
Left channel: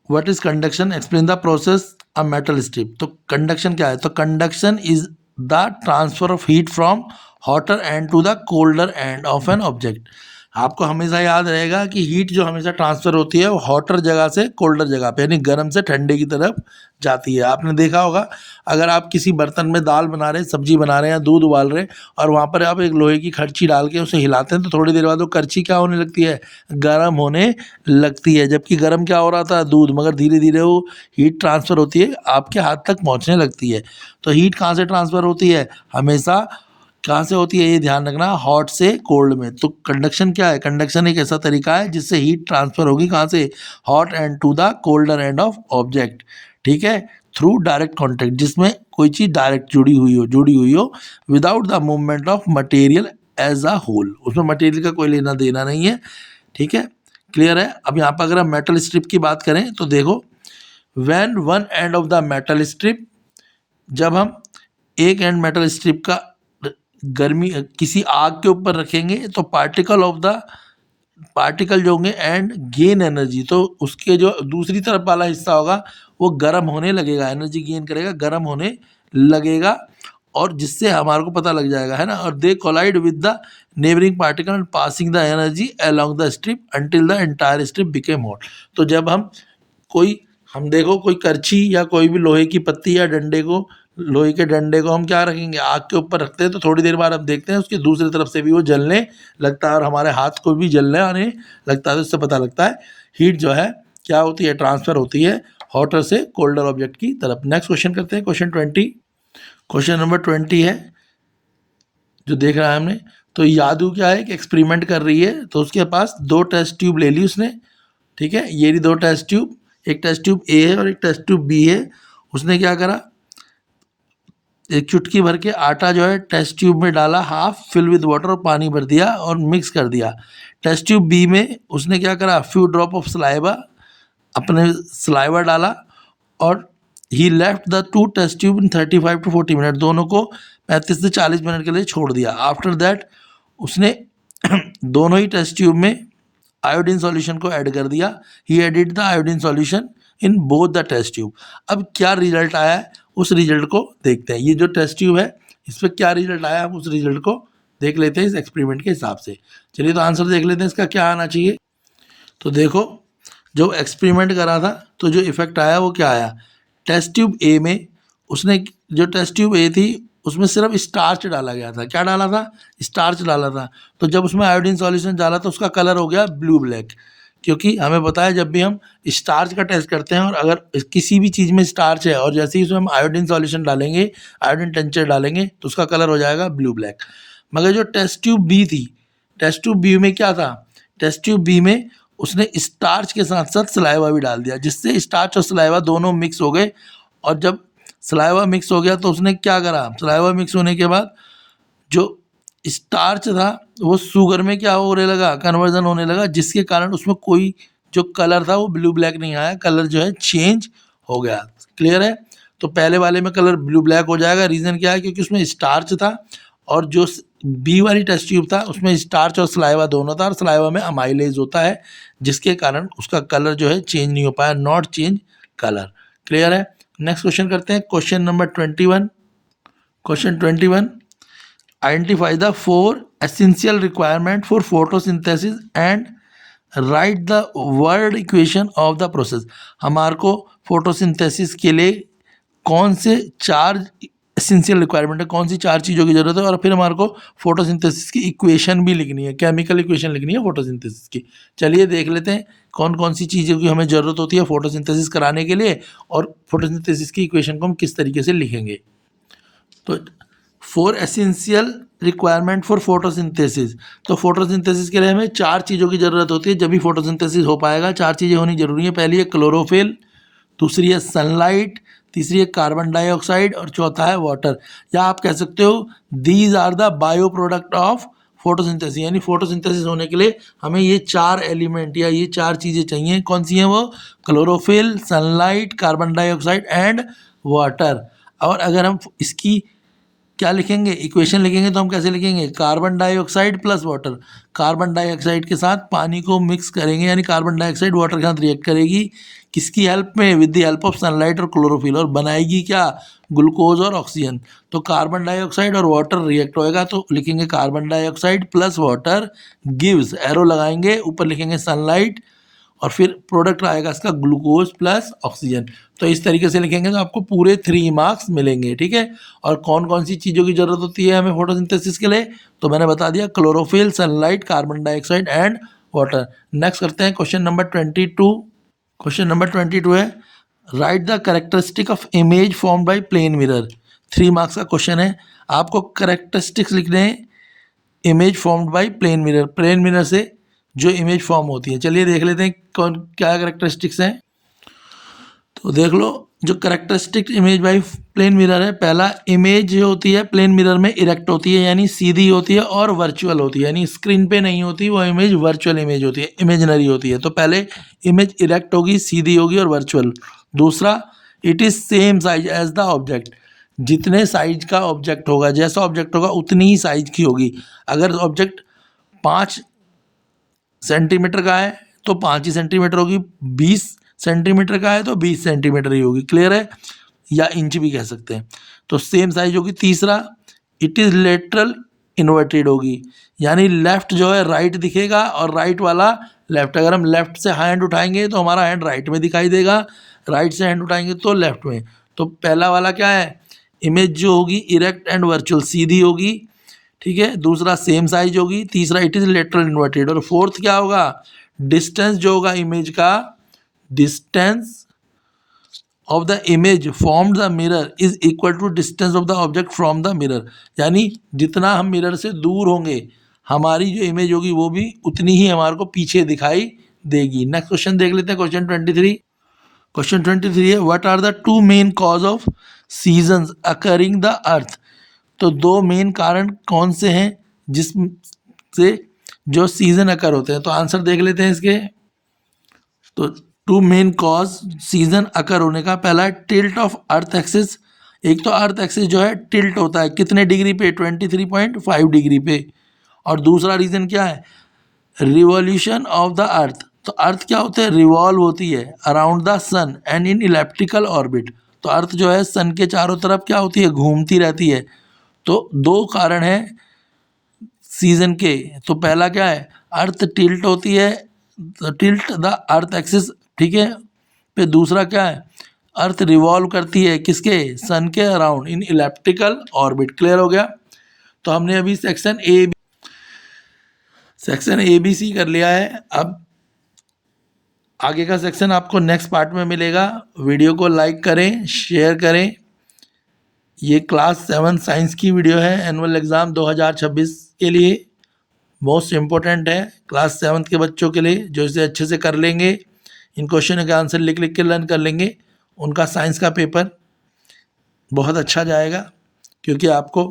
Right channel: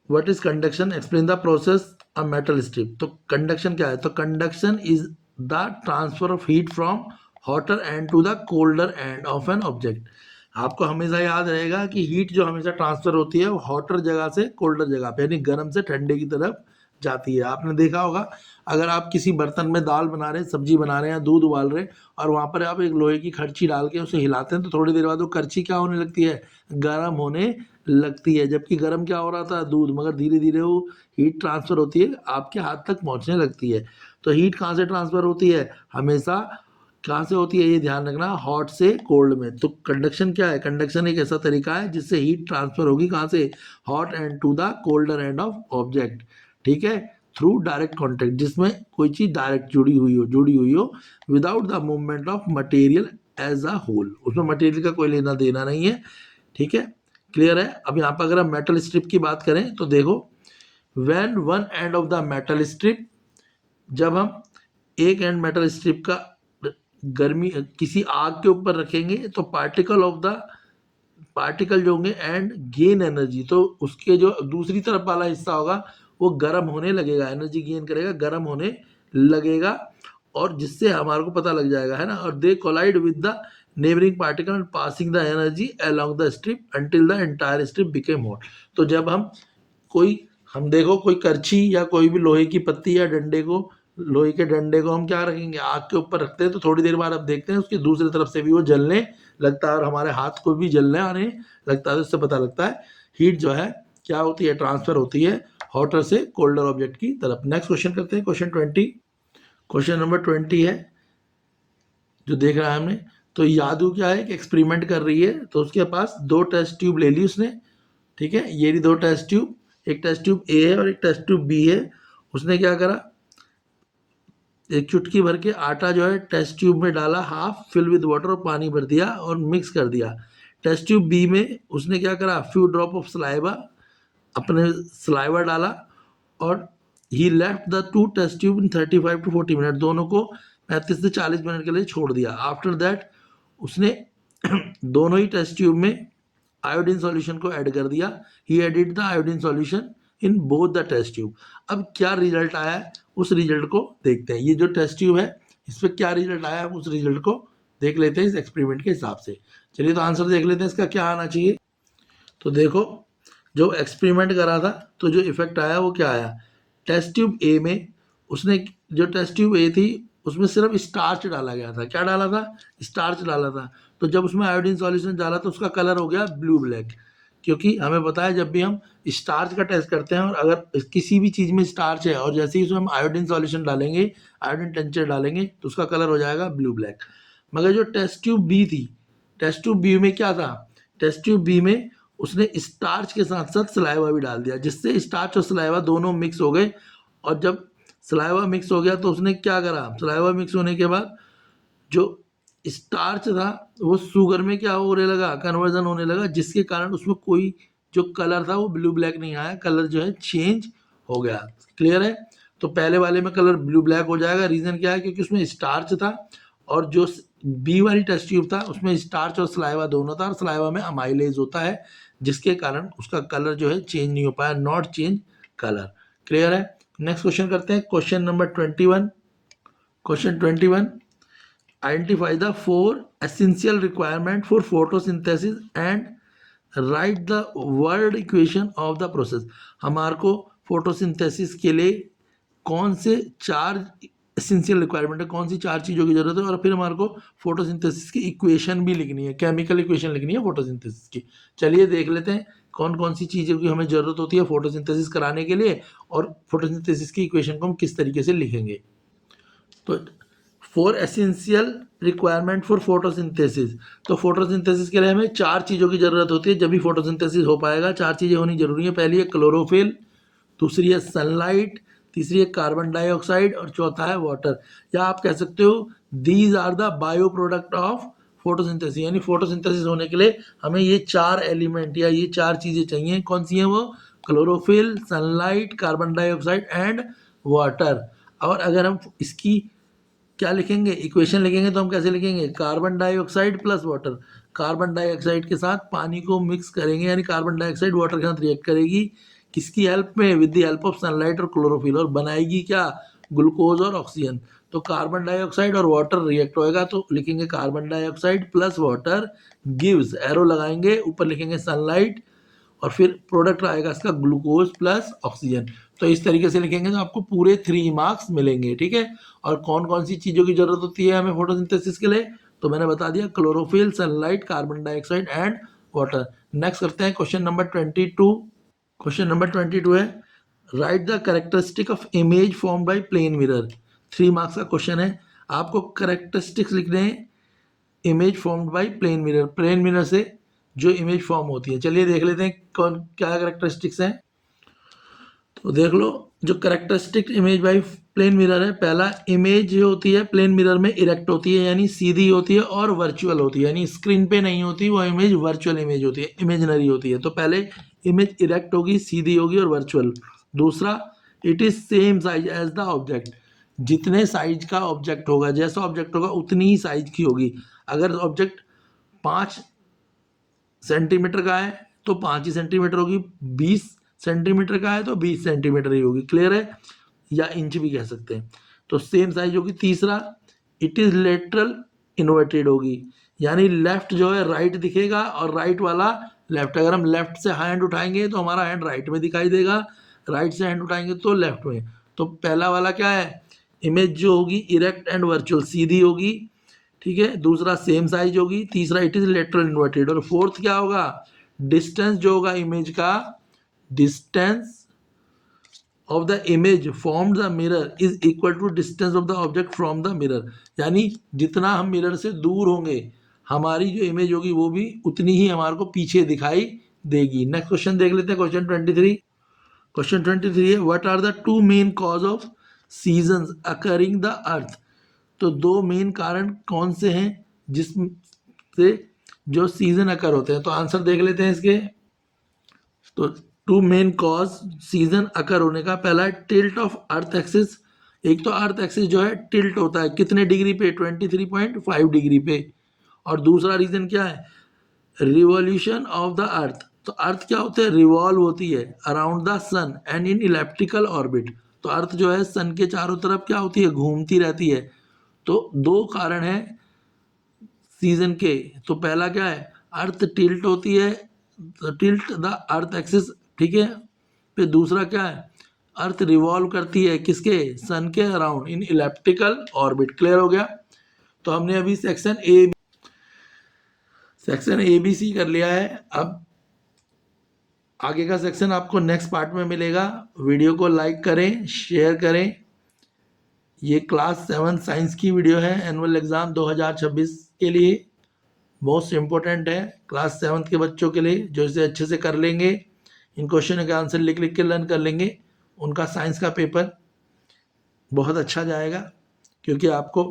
what is conduction, explain the process a metal strip. तो कंडक्शन क्या है, तो conduction is the transfer of heat from hotter end to the colder end of an object. आपको हमेशा याद रहेगा कि हीट जो हमेशा ट्रांसफर होती है वो हॉटर जगह से कोल्डर जगह पे, यानी गर्म से ठंडे की तरफ जाती है। आपने देखा होगा, अगर आप किसी बर्तन में दाल बना रहे हैं, सब्जी बना रहे हैं, दूध उबाल रहे हैं, और वहाँ पर आप एक लोहे की खर्ची डाल के उसे हिलाते हैं, तो थोड़ी देर बाद वो करछी क्या होने लगती है, गर्म होने लगती है। जबकि गर्म क्या हो रहा था, दूध, मगर धीरे धीरे वो हीट ट्रांसफ़र होती है, आपके हाथ तक पहुँचने लगती है। तो हीट कहाँ से ट्रांसफ़र होती है, हमेशा कहाँ से होती है, ये ध्यान रखना, हॉट से कोल्ड में। तो कंडक्शन क्या है, कंडक्शन एक ऐसा तरीका है जिससे हीट ट्रांसफ़र होगी कहाँ से, hot end to the colder end of object, ठीक है, थ्रू डायरेक्ट कॉन्टैक्ट, जिसमें कोई चीज़ डायरेक्ट जुड़ी हुई हो without the movement of material as a whole, उसमें मटेरियल का कोई लेना देना नहीं है, ठीक है, क्लियर है। अब यहाँ पर अगर हम मेटल स्ट्रिप की बात करें तो देखो, when one end of the metal strip, जब हम एक एंड मेटल स्ट्रिप का गर्मी किसी आग के ऊपर रखेंगे तो पार्टिकल जो होंगे एंड गेन एनर्जी, तो उसके जो दूसरी तरफ वाला हिस्सा होगा वो गर्म होने लगेगा, एनर्जी गेन करेगा, गर्म होने लगेगा, और जिससे हमारे को पता लग जाएगा, है ना। और they collide with the neighbouring particle and passing the energy along the strip until the entire strip became hot. तो जब हम देखो कोई करछी या कोई भी लोहे की पत्ती या डंडे को, लोहे के डंडे को हम क्या रखेंगे, आग के ऊपर रखते हैं, तो थोड़ी देर बाद आप देखते हैं उसकी दूसरी तरफ से भी वो जलने लगता है, और हमारे हाथ को भी जलने आने लगता है। तो इससे पता लगता है हीट जो है क्या होती है, ट्रांसफ़र होती है हॉटर से कोल्डर ऑब्जेक्ट की तरफ। नेक्स्ट क्वेश्चन करते हैं, क्वेश्चन 20, क्वेश्चन नंबर 20 है जो देख रहा है हमने। तो यादू क्या है कि एक्सपेरिमेंट कर रही है, तो उसके पास 2 टेस्ट ट्यूब ले ली उसने, ठीक है, ये रही 2 टेस्ट ट्यूब, एक टेस्ट ट्यूब ए है और एक टेस्ट ट्यूब बी है। उसने क्या करा, एक चुटकी भर के आटा जो है टेस्ट ट्यूब में डाला, हाफ फिल विद वाटर, और पानी भर दिया और मिक्स कर दिया। टेस्ट ट्यूब बी में उसने क्या करा, फ्यू ड्रॉप ऑफ सलाइवा, अपने सलाइवा डाला, और he left the 2 test tube in 35 to 40 minute, दोनों को 35 से 40 मिनट के लिए छोड़ दिया। आफ्टर दैट उसने दोनों ही टेस्ट ट्यूब में आयोडीन सॉल्यूशन को ऐड कर दिया, he added the iodine solution in both the test tube. अब क्या रिजल्ट आया है उस रिजल्ट को देखते हैं। ये जो टेस्ट ट्यूब है इस पर क्या रिजल्ट आया है उस रिजल्ट को देख लेते हैं इस एक्सपेरिमेंट के हिसाब से। चलिए तो आंसर देख लेते हैं इसका क्या आना चाहिए। तो देखो, जो एक्सपेरिमेंट करा था तो जो इफेक्ट आया वो क्या आया, टेस्ट ट्यूब ए में उसने, जो टेस्ट ट्यूब ए थी उसमें सिर्फ स्टार्च डाला गया था। क्या डाला था, स्टार्च डाला था। तो जब उसमें आयोडीन सॉल्यूशन डाला तो उसका कलर हो गया ब्लू ब्लैक, क्योंकि हमें पता है जब भी हम स्टार्च का टेस्ट करते हैं और अगर किसी भी चीज़ में स्टार्च है और जैसे ही उसमें हम आयोडीन सॉल्यूशन डालेंगे, आयोडीन टेंचर डालेंगे, तो उसका कलर हो जाएगा ब्लू ब्लैक। मगर जो टेस्ट ट्यूब बी थी, टेस्ट ट्यूब बी में क्या था, टेस्ट ट्यूब बी में उसने स्टार्च के साथ साथ सलाइवा भी डाल दिया, जिससे स्टार्च और सलाइवा दोनों मिक्स हो गए। और जब सलाइवा मिक्स हो गया तो उसने क्या करा, सलाइवा मिक्स होने के बाद जो स्टार्च था वो शुगर में क्या होने लगा, कन्वर्जन होने लगा, जिसके कारण उसमें कोई जो कलर था वो ब्लू ब्लैक नहीं आया, कलर जो है चेंज हो गया। क्लियर है। तो पहले वाले में कलर ब्लू ब्लैक हो जाएगा, रीज़न क्या है, क्योंकि उसमें स्टार्च था, और जो बी वाली टेस्ट ट्यूब था उसमें स्टार्च और सलाइवा दोनों था, और सलाइवा में अमाइलेज होता है, जिसके कारण उसका कलर जो है चेंज नहीं हो पाया, नॉट चेंज कलर। क्लियर है। नेक्स्ट क्वेश्चन करते हैं, question number 21, question 21, identify the 4 essential requirement for photosynthesis and right the word equation of the process. हमारे को फोटोसिंथेसिस के लिए कौन से 4 एसेंशियल रिक्वायरमेंट है, कौन सी 4 चीज़ों की ज़रूरत है, और फिर हमारे को फोटोसिंथेसिस की इक्वेशन भी लिखनी है, केमिकल इक्वेशन लिखनी है फोटोसिंथेसिस की। चलिए देख लेते हैं कौन कौन सी चीज़ों की हमें ज़रूरत होती है फोटोसिंथेसिस कराने के लिए, और फोटोसिंथेसिस की इक्वेशन को हम किस तरीके से लिखेंगे। तो 4 एसेंशियल रिक्वायरमेंट फॉर फोटोसिंथेसिस, तो फोटोसिंथेसिस के लिए हमें 4 चीज़ों की ज़रूरत होती है, जब भी फोटोसिंथेसिस हो पाएगा। 4 चीज़ें होनी जरूरी है। पहली है क्लोरोफिल, दूसरी है सनलाइट, तीसरी है कार्बन डाइऑक्साइड और चौथा है वाटर। या आप कह सकते हो these are the bio product of photosynthesis, यानी फोटोसिंथेसिस होने के लिए हमें ये 4 एलिमेंट या ये 4 चीज़ें चाहिए। कौन सी हैं वो? Chlorophyll, sunlight, carbon dioxide and water. और अगर हम इसकी क्या लिखेंगे, इक्वेशन लिखेंगे, तो हम कैसे लिखेंगे? Carbon dioxide plus water. Carbon dioxide के साथ पानी को मिक्स करेंगे, यानी कार्बन डाइऑक्साइड वाटर के साथ रिएक्ट करेगी। किसकी हेल्प में? With the help of sunlight और क्लोरोफिल, और बनाएगी क्या? ग्लूकोज और ऑक्सीजन। तो कार्बन डाइऑक्साइड और वाटर रिएक्ट होएगा, तो लिखेंगे carbon dioxide plus water gives, arrow लगाएंगे, ऊपर लिखेंगे सनलाइट, और फिर प्रोडक्ट आएगा इसका ग्लूकोज प्लस ऑक्सीजन। तो इस तरीके से लिखेंगे तो आपको पूरे 3 मार्क्स मिलेंगे, ठीक है। और कौन कौन सी चीज़ों की ज़रूरत होती है हमें फोटोसिंथेसिस के लिए, तो मैंने बता दिया, chlorophyll, sunlight, carbon dioxide and water. Next करते हैं क्वेश्चन नंबर 22। क्वेश्चन नंबर 22 है, write the characteristic of image form by plane mirror. 3 marks का क्वेश्चन है। आपको कैरेक्टरिस्टिक्स लिखने हैं image formed by plane mirror, plane mirror से जो इमेज फॉर्म होती है। चलिए देख लेते हैं कौन क्या कैरेक्टरिस्टिक्स हैं। तो देख लो, जो characteristic image by plane mirror है, पहला, इमेज जो होती है प्लेन मिरर में इरेक्ट होती है, यानी सीधी होती है और वर्चुअल होती है, यानी स्क्रीन पे नहीं होती, वो इमेज वर्चुअल इमेज होती है, इमेजिनरी होती है। तो पहले इमेज इरेक्ट होगी, सीधी होगी और वर्चुअल। दूसरा, it is same size as the object, जितने साइज का ऑब्जेक्ट होगा, जैसा ऑब्जेक्ट होगा उतनी ही साइज की होगी। अगर ऑब्जेक्ट 5 सेंटीमीटर का है तो 5 ही सेंटीमीटर होगी, 20 सेंटीमीटर का है तो 20 सेंटीमीटर ही होगी। क्लियर है? या इंच भी कह सकते हैं। तो सेम साइज होगी। तीसरा, इट इज़ लेटरल इन्वर्टेड होगी, यानी लेफ्ट जो है राइट दिखेगा और राइट वाला लेफ्ट। अगर हम लेफ्ट से हैंड उठाएंगे तो हमारा हैंड राइट में दिखाई देगा, राइट से हैंड उठाएंगे तो लेफ्ट में। तो पहला वाला क्या है? इमेज जो होगी इरेक्ट एंड वर्चुअल, सीधी होगी, ठीक है। दूसरा, सेम साइज होगी। तीसरा, इट इज़ लेटरल इन्वर्टेड। और फोर्थ क्या होगा? डिस्टेंस जो होगा इमेज का, distance of the image from the mirror is equal to distance of the object from the mirror, यानी जितना हम मिरर से दूर होंगे हमारी जो इमेज होगी वो भी उतनी ही हमारे को पीछे दिखाई देगी। नेक्स्ट क्वेश्चन देख लेते हैं, क्वेश्चन 23। क्वेश्चन 23 है, what are the 2 main cause of seasons occurring the earth. तो 2 मेन कारण कौन से हैं जिससे जो सीजन अकर होते हैं। तो आंसर देख लेते हैं इसके। तो 2 मेन कॉज सीजन अकर होने का, पहला है टिल्ट ऑफ अर्थ एक्सिस। एक तो अर्थ एक्सिस जो है टिल्ट होता है कितने डिग्री पे? 23.5 डिग्री पे। और दूसरा रीज़न क्या है? Revolution of the earth. तो अर्थ क्या होता है? रिवॉल्व होती है around the sun and in elliptical orbit. तो अर्थ जो है सन के चारों तरफ क्या होती है? घूमती रहती है। तो 2 कारण हैं सीजन के। तो पहला क्या है? अर्थ टिल्ट होती है, टिल्ट द अर्थ एक्सिस, ठीक है। फिर दूसरा क्या है? अर्थ रिवॉल्व करती है किसके? सन के around in elliptical orbit. Clear हो गया? तो हमने अभी सेक्शन ए बी सी कर लिया है। अब आगे का सेक्शन आपको नेक्स्ट पार्ट में मिलेगा। वीडियो को लाइक करें, शेयर करें। ये क्लास 7 साइंस की वीडियो है, एनुअल एग्ज़ाम 2026 के लिए मोस्ट इम्पोर्टेंट है क्लास 7 के बच्चों के लिए, जो इसे अच्छे से कर लेंगे, इन क्वेश्चन के आंसर लिख लिख के लर्न कर लेंगे, उनका साइंस का पेपर बहुत अच्छा जाएगा, क्योंकि आपको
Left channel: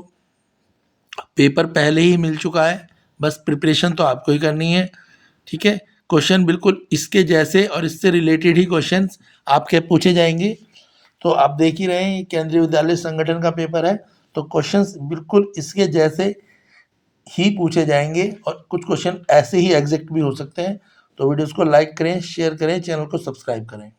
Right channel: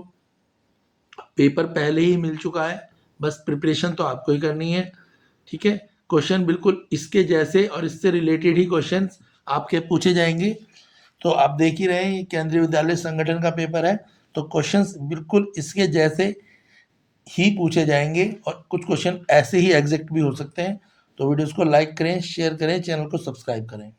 पेपर पहले ही मिल चुका है, बस प्रिपरेशन तो आपको ही करनी है, ठीक है। क्वेश्चन बिल्कुल इसके जैसे और इससे रिलेटेड ही क्वेश्चंस आपके पूछे जाएंगे। तो आप देख ही रहे हैं, केंद्रीय विद्यालय संगठन का पेपर है, तो क्वेश्चंस बिल्कुल इसके जैसे ही पूछे जाएंगे और कुछ क्वेश्चन ऐसे ही एग्जैक्ट भी हो सकते हैं। तो वीडियोस को लाइक करें, शेयर करें, चैनल को सब्सक्राइब करें।